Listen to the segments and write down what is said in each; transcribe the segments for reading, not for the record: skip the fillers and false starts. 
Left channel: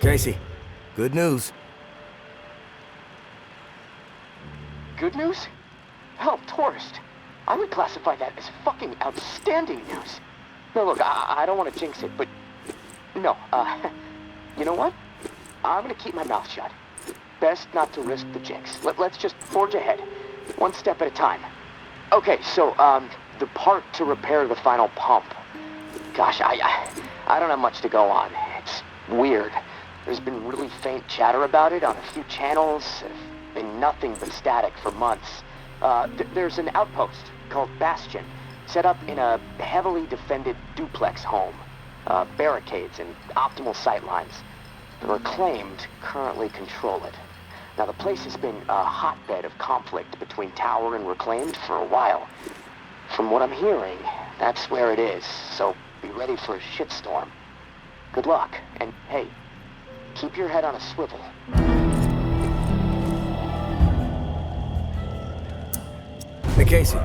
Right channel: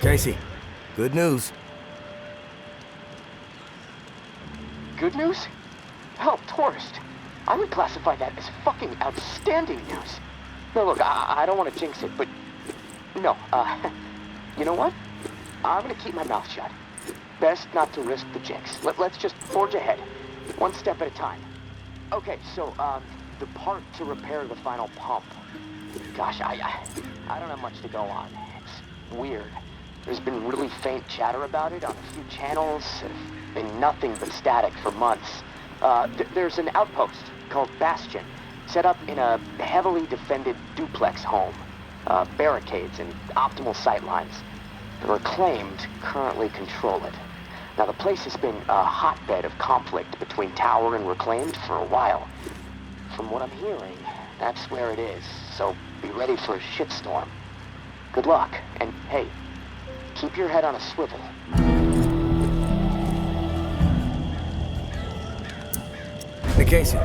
Casey, good news. Good news? Help, tourist. I would classify that as fucking outstanding news. No, look, I don't want to jinx it, but... No, you know what? I'm gonna keep my mouth shut. Best not to risk the jinx. Let's just forge ahead. One step at a time. Okay, so, the part to repair the final pump. Gosh, I don't have much to go on. It's weird. There's been really faint chatter about it on a few channels. Been nothing but static for months. There's an outpost called Bastion, set up in a heavily defended duplex home. Barricades and optimal sightlines. The Reclaimed currently control it. Now, the place has been a hotbed of conflict between Tower and Reclaimed for a while. From what I'm hearing, that's where it is, so be ready for a shitstorm. Good luck, and hey, keep your head on a swivel. Hey, Casey.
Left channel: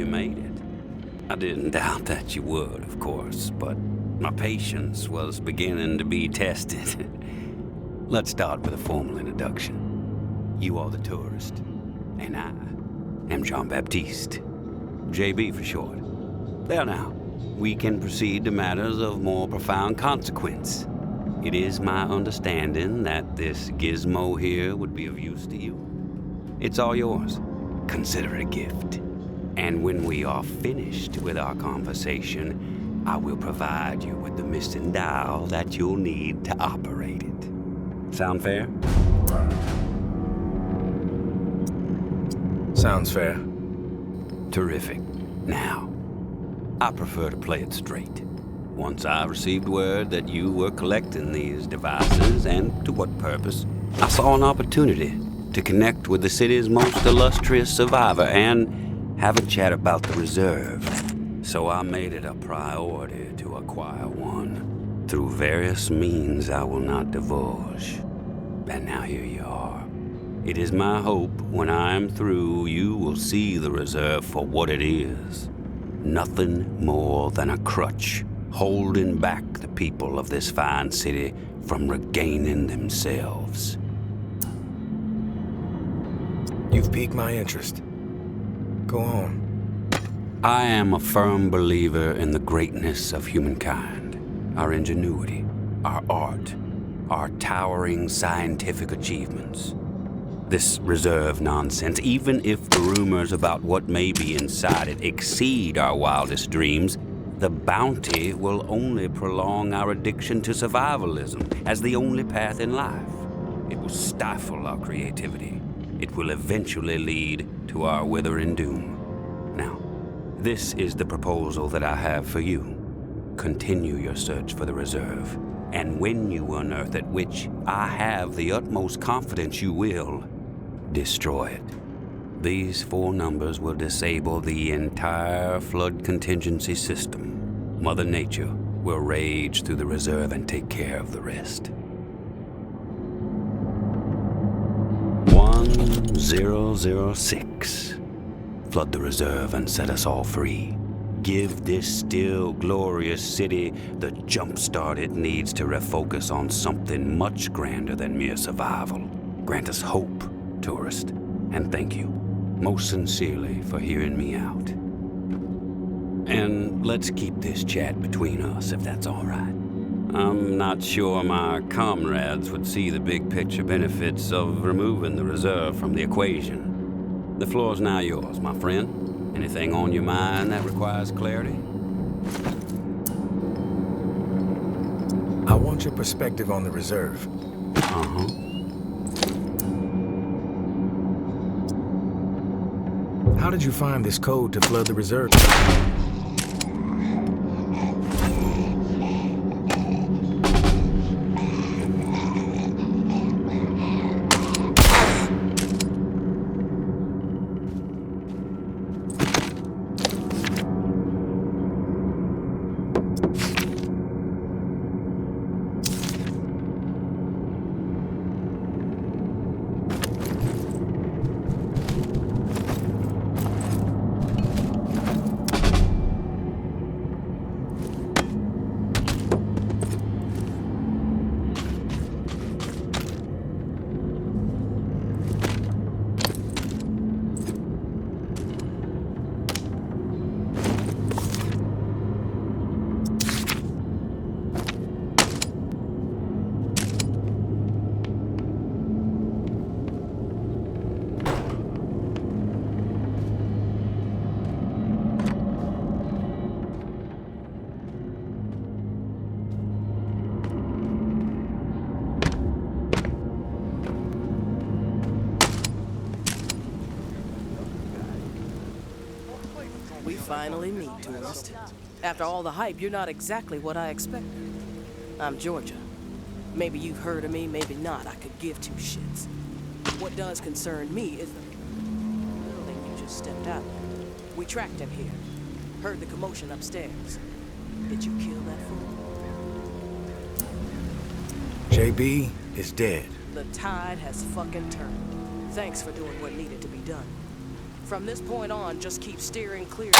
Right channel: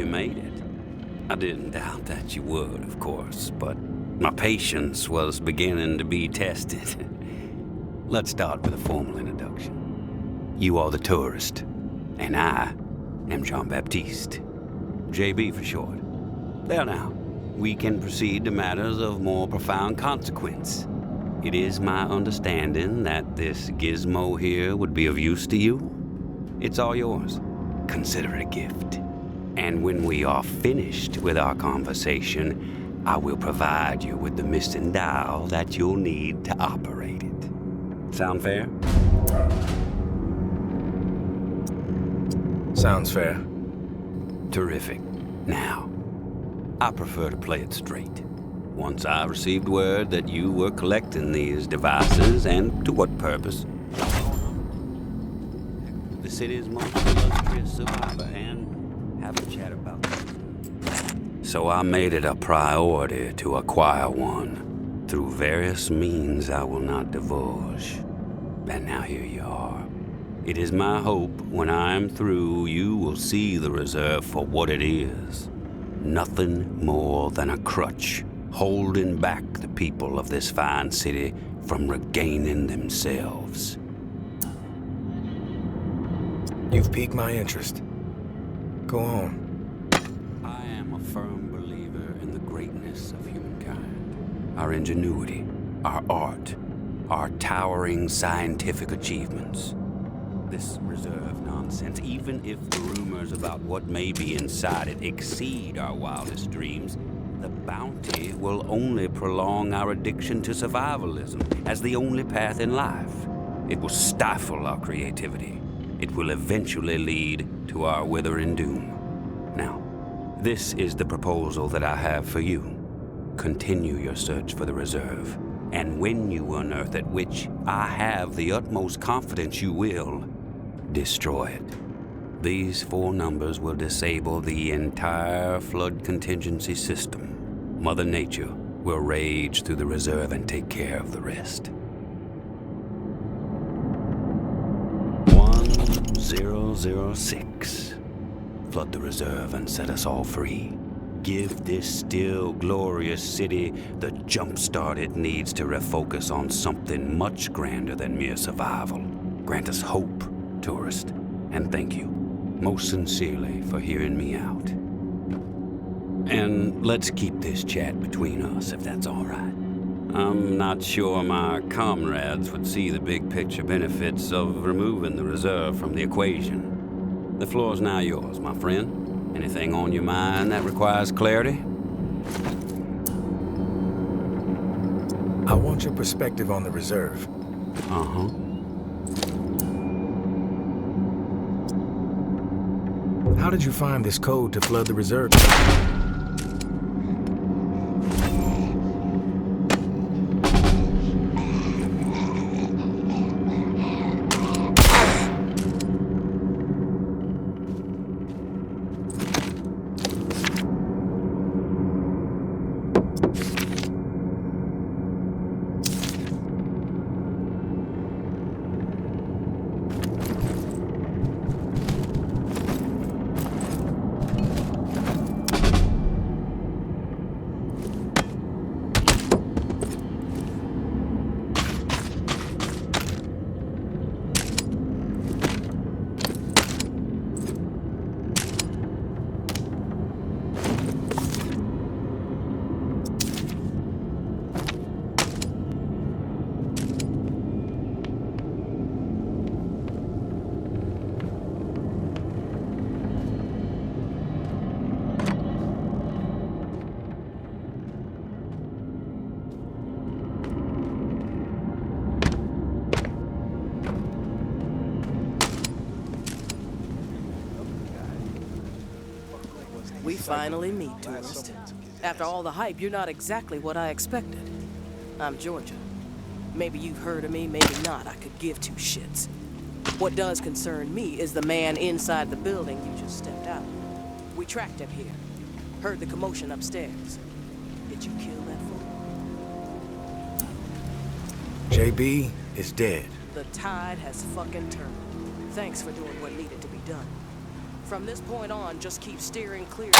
you made it. I didn't doubt that you would, of course, but my patience was beginning to be tested. Let's start with a formal introduction. You are the tourist, and I am Jean-Baptiste. JB for short. There now, we can proceed to matters of more profound consequence. It is my understanding that this gizmo here would be of use to you. It's all yours. Consider it a gift. And when we are finished with our conversation, I will provide you with the missing dial that you'll need to operate it. Sound fair? Sounds fair. Terrific. Now, I prefer to play it straight. Once I received word that you were collecting these devices, and to what purpose, I saw an opportunity to connect with the city's most illustrious survivor and have a chat about the reserve. So I made it a priority to acquire one through various means I will not divulge. And now here you are. It is my hope when I am through, you will see the reserve for what it is. Nothing more than a crutch holding back the people of this fine city from regaining themselves. You've piqued my interest. Go on. I am a firm believer in the greatness of humankind, our ingenuity, our art, our towering scientific achievements. This reserve nonsense, even if the rumors about what may be inside it exceed our wildest dreams, the bounty will only prolong our addiction to survivalism as the only path in life. It will stifle our creativity. It will eventually lead to our withering doom. Now, this is the proposal that I have for you. Continue your search for the reserve, and when you unearth it, which I have the utmost confidence you will, destroy it. These 4 numbers will disable the entire flood contingency system. Mother Nature will rage through the reserve and take care of the rest. 1006. Flood the reserve and set us all free. Give this still glorious city the jump start it needs to refocus on something much grander than mere survival. Grant us hope, tourist, and thank you, most sincerely, for hearing me out. And let's keep this chat between us, if that's all right. I'm not sure my comrades would see the big picture benefits of removing the reserve from the equation. The floor's now yours, my friend. Anything on your mind that requires clarity? I want your perspective on the reserve. Uh-huh. How did you find this code to flood the reserve? We finally meet, tourist. After all the hype, you're not exactly what I expected. I'm Georgia. Maybe you've heard of me, maybe not. I could give 2 shits. What does concern me is the man inside the building you just stepped out. We tracked him here. Heard the commotion upstairs. Did you kill that fool? JB is dead. The tide has fucking turned. Thanks for doing what needed to be done. From this point on, just keep steering clear.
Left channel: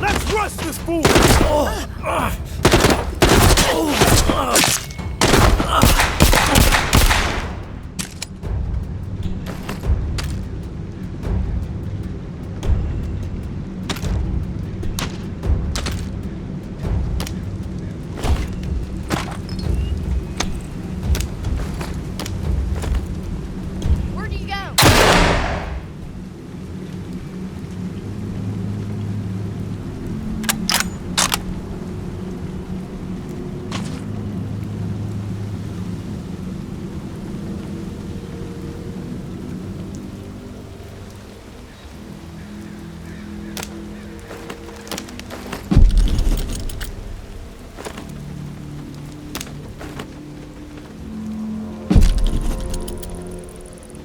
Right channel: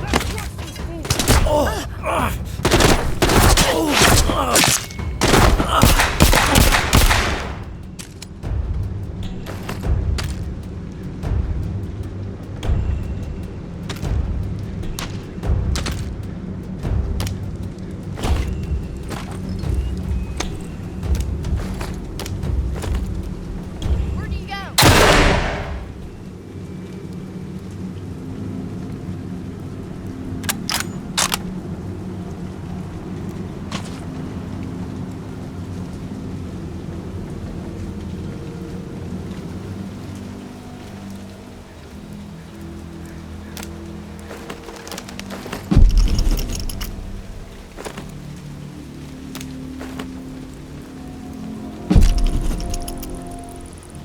Let's rush this fool! Where do you go?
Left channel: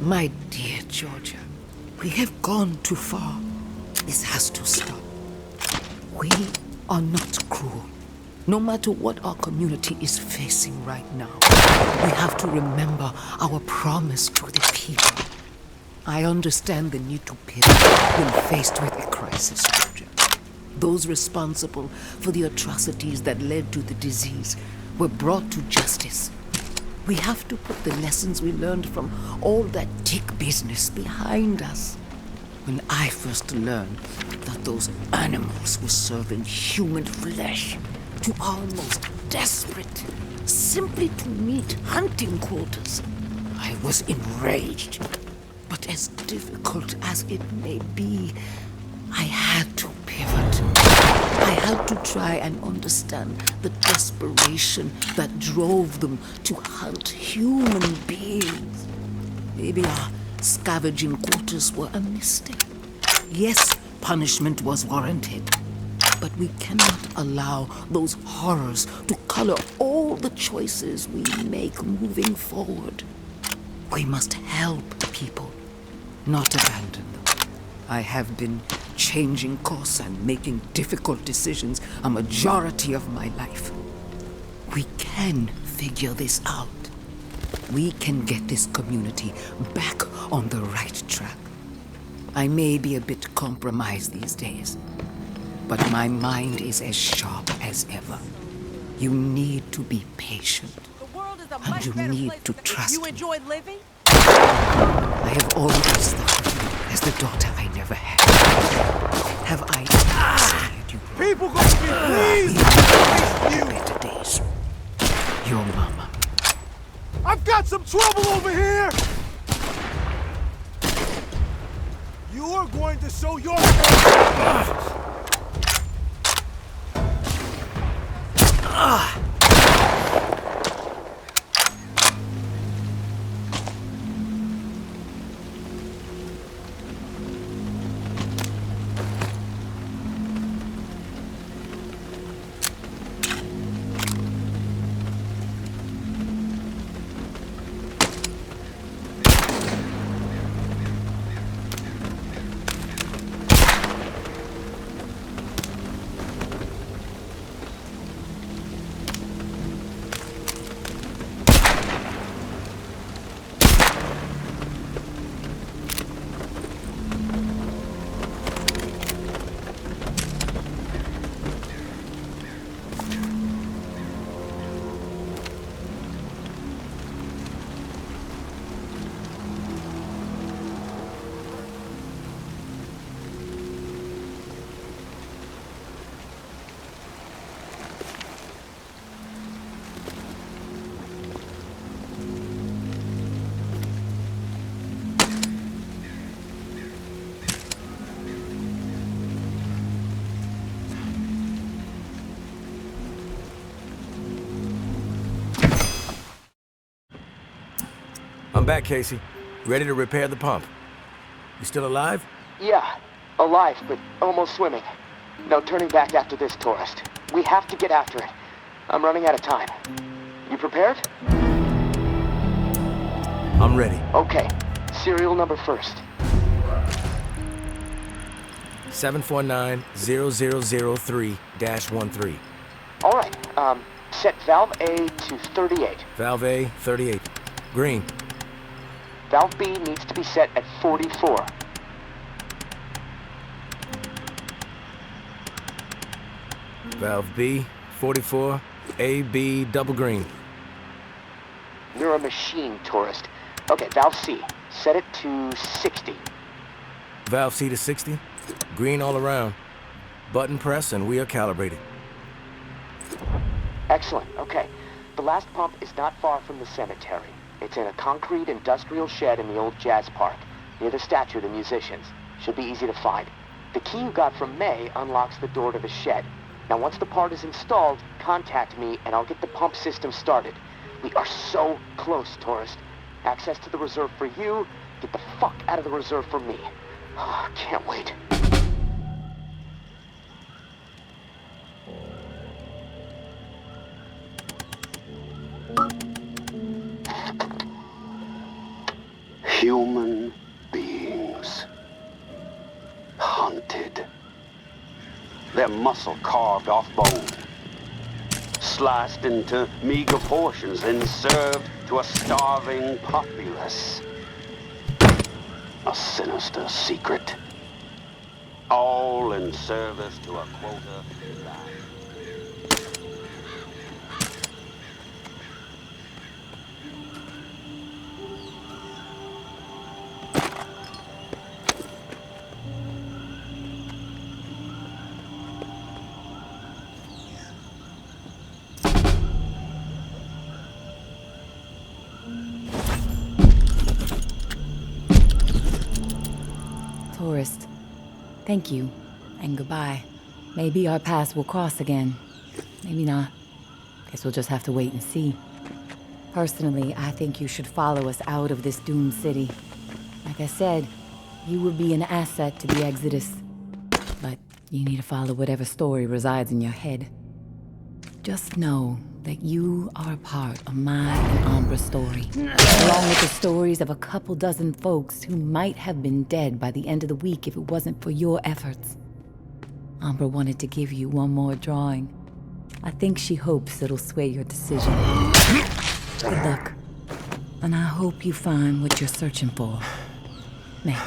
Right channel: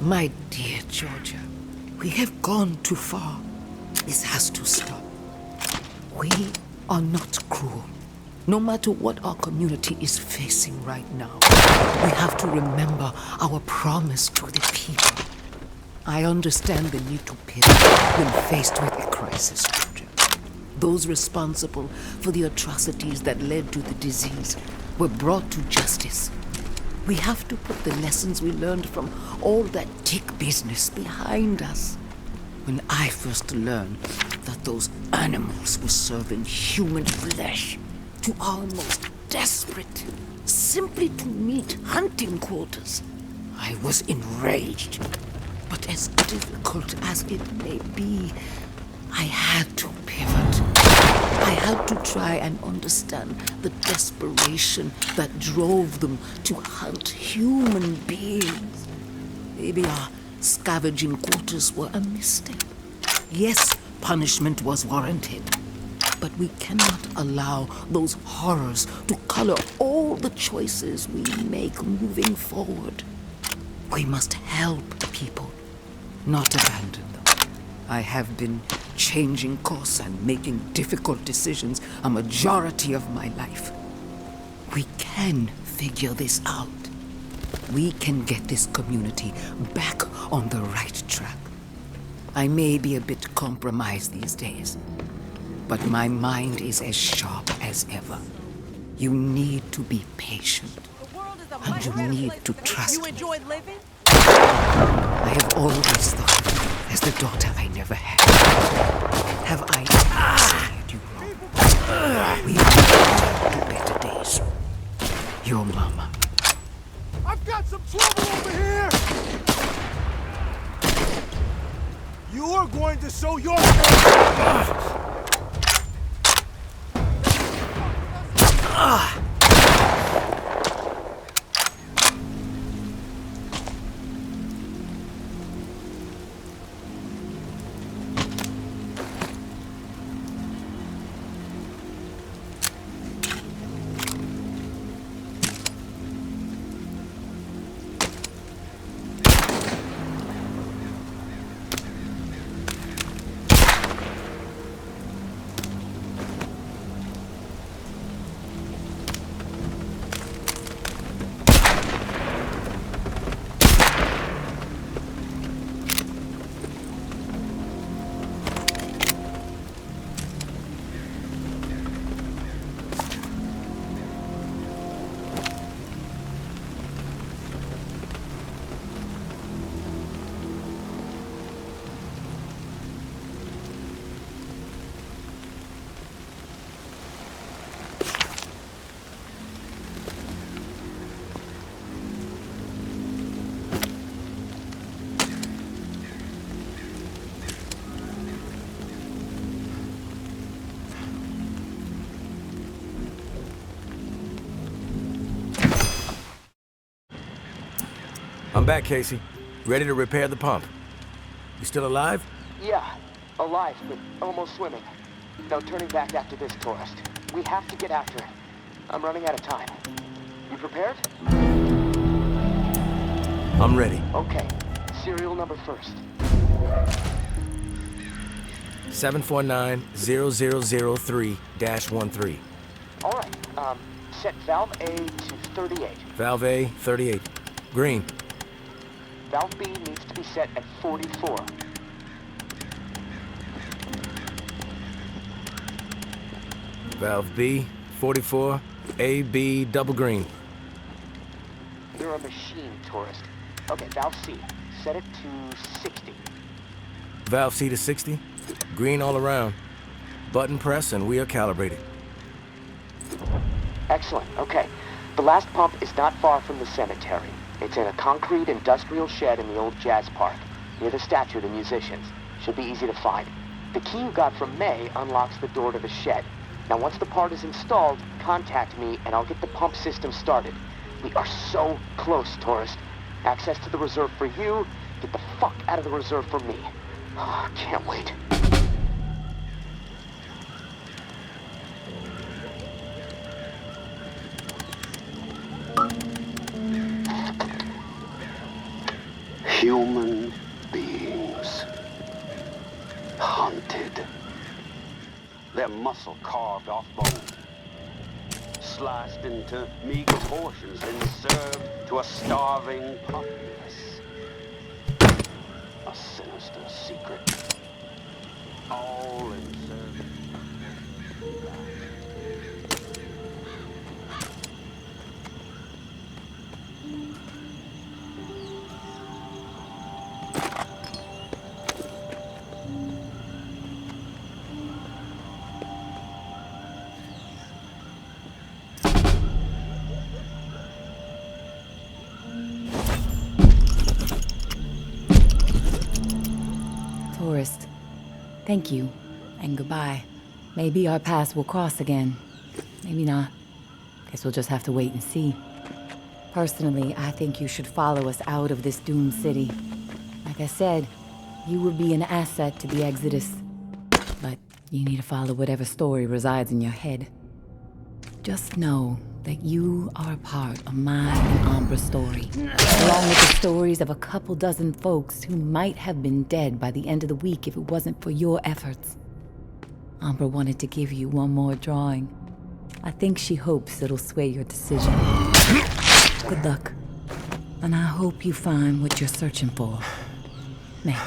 My dear Georgia, we have gone too far. This has to stop. We are not cruel. No matter what our community is facing right now, we have to remember our promise to the people. I understand the need to pivot when faced with a crisis, Georgia. Those responsible for the atrocities that led to the disease were brought to justice. We have to put the lessons we learned from all that tick business behind us. When I first learned that those animals were serving human flesh to our most desperate, simply to meet hunting quotas, I was enraged. But as difficult as it may be, I had to pivot. I had to try and understand the desperation that drove them to hunt human beings. Maybe our scavenging quarters were a mistake. Yes, punishment was warranted. But we cannot allow those horrors to color all the choices we make moving forward. We must help people, not abandon them. I have been changing course and making difficult decisions a majority of my life. We can figure this out. We can get this community back on the right track. I may be a bit compromised these days, but my mind is as sharp as ever. You need to be patient, and you need to trust You me. enjoy living? I have always thought of you as the daughter I never had. Have I steered you wrong? People gonna We be have better days. Your mama. I've got some trouble over here! You are going to show your I'm back, Casey. Ready to repair the pump. You still alive? Yeah, alive, but almost swimming. No turning back after this, tourist. We have to get after it. I'm running out of time. You prepared? I'm ready. Okay. Serial number first. 749-0003-13. All right, set valve A to 38. Valve A, 38. Green. Valve B needs to be set at 44. Valve B, 44. A, B, double green. You're a machine, tourist. Okay, valve C, set it to 60. Valve C to 60. Green all around. Button press and we are calibrated. Excellent, okay. The last pump is not far from the cemetery. It's in a concrete industrial shed in the old jazz park, near the statue of the musicians. Should be easy to find. The key you got from May unlocks the door to the shed. Now once the part is installed, contact me and I'll get the pump system started. We are so close, tourist. Access to the reserve for you, get the fuck out of the reserve for me. Oh, can't wait. Human beings. Hunted. Their muscle carved off bone. Sliced into meager portions and served to a starving populace. A sinister secret. All in service to a quota life. Tourist, thank you, and goodbye. Maybe our paths will cross again. Maybe not. Guess we'll just have to wait and see. Personally, I think you should follow us out of this doomed city. Like I said, you would be an asset to the Exodus. But you need to follow whatever story resides in your head. Just know that you are a part of my and Ambra's story, along with the stories of a couple dozen folks who might have been dead by the end of the week if it wasn't for your efforts. Ambra wanted to give you one more drawing. I think she hopes it'll sway your decision. Good luck, and I hope you find what you're searching for. May.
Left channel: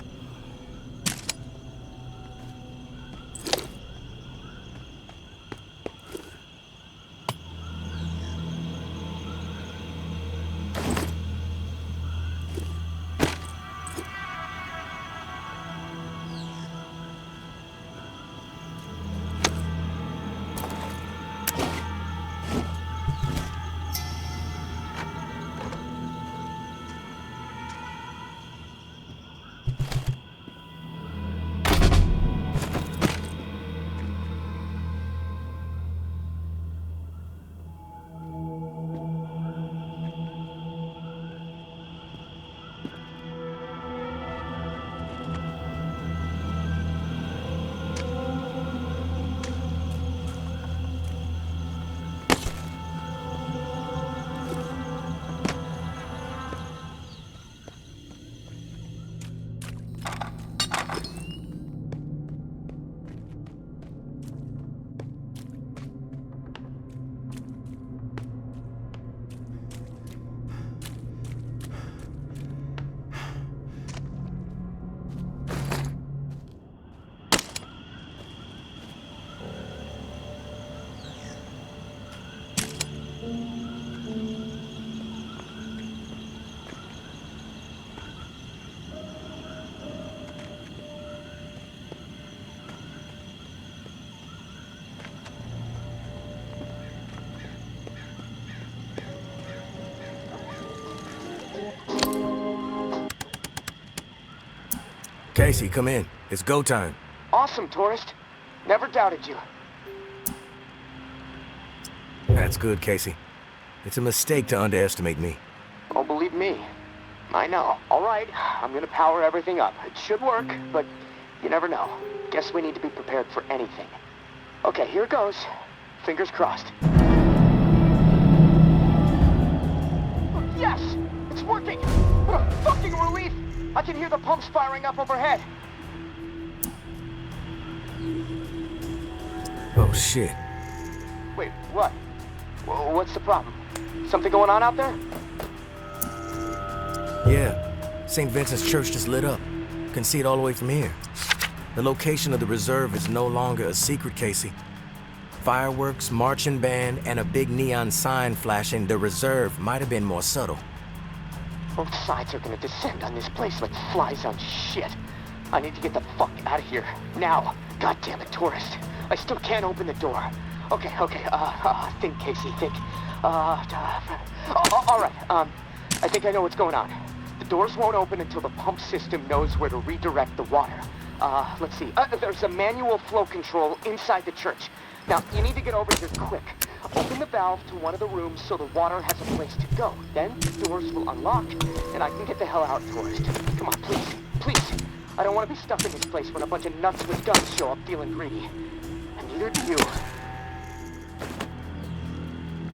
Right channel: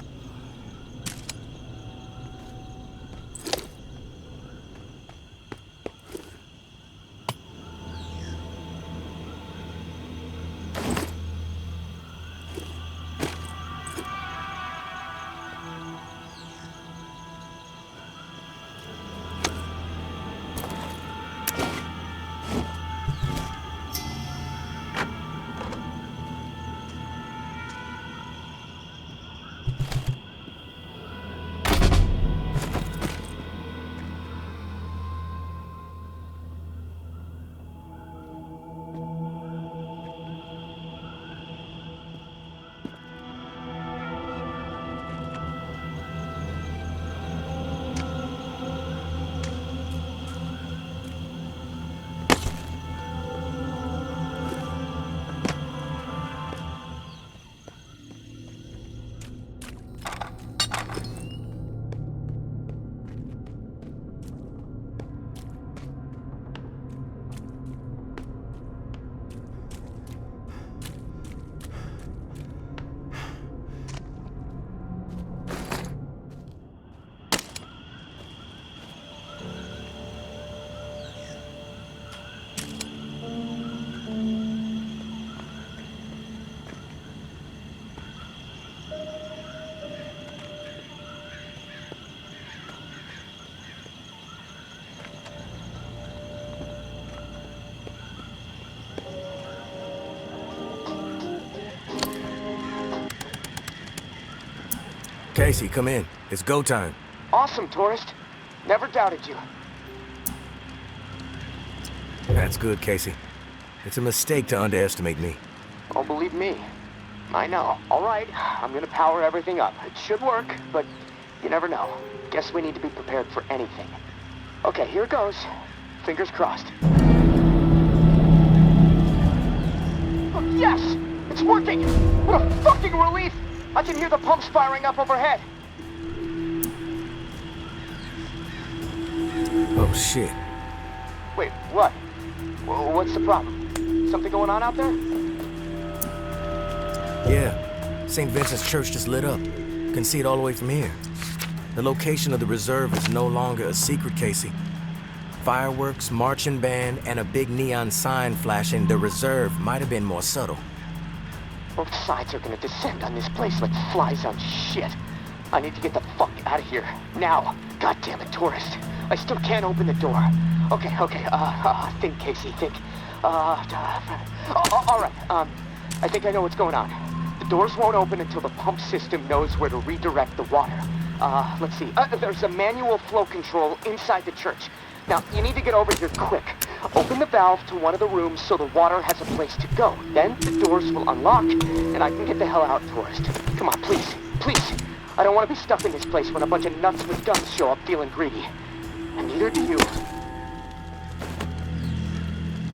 Casey, come in. It's go time. Awesome, tourist. Never doubted you. That's good, Casey. It's a mistake to underestimate me. Oh, believe me. I know. All right, I'm gonna power everything up. It should work, but you never know. Guess we need to be prepared for anything. Okay, here goes. Fingers crossed. Oh, yes! It's working! What a fucking relief! I can hear the pumps firing up overhead. Oh, shit. Wait, what? What's the problem? Something going on out there? Yeah. St. Vincent's Church just lit up. Can see it all the way from here. The location of the reserve is no longer a secret, Casey. Fireworks, marching band, and a big neon sign flashing the reserve might have been more subtle. Both sides are gonna descend on this place like flies on shit. I need to get the fuck out of here. Now. God damn it, tourist. I still can't open the door. Okay, think, Casey, think. All right, I think I know what's going on. The doors won't open until the pump system knows where to redirect the water. Let's see. There's a manual flow control inside the church. Now, you need to get over here quick. Open the valve to one of the rooms so the water has a place to go. Then the doors will unlock, and I can get the hell out, tourist. Come on, please, please. I don't want to be stuck in this place when a bunch of nuts with guns show up feeling greedy. And neither do you.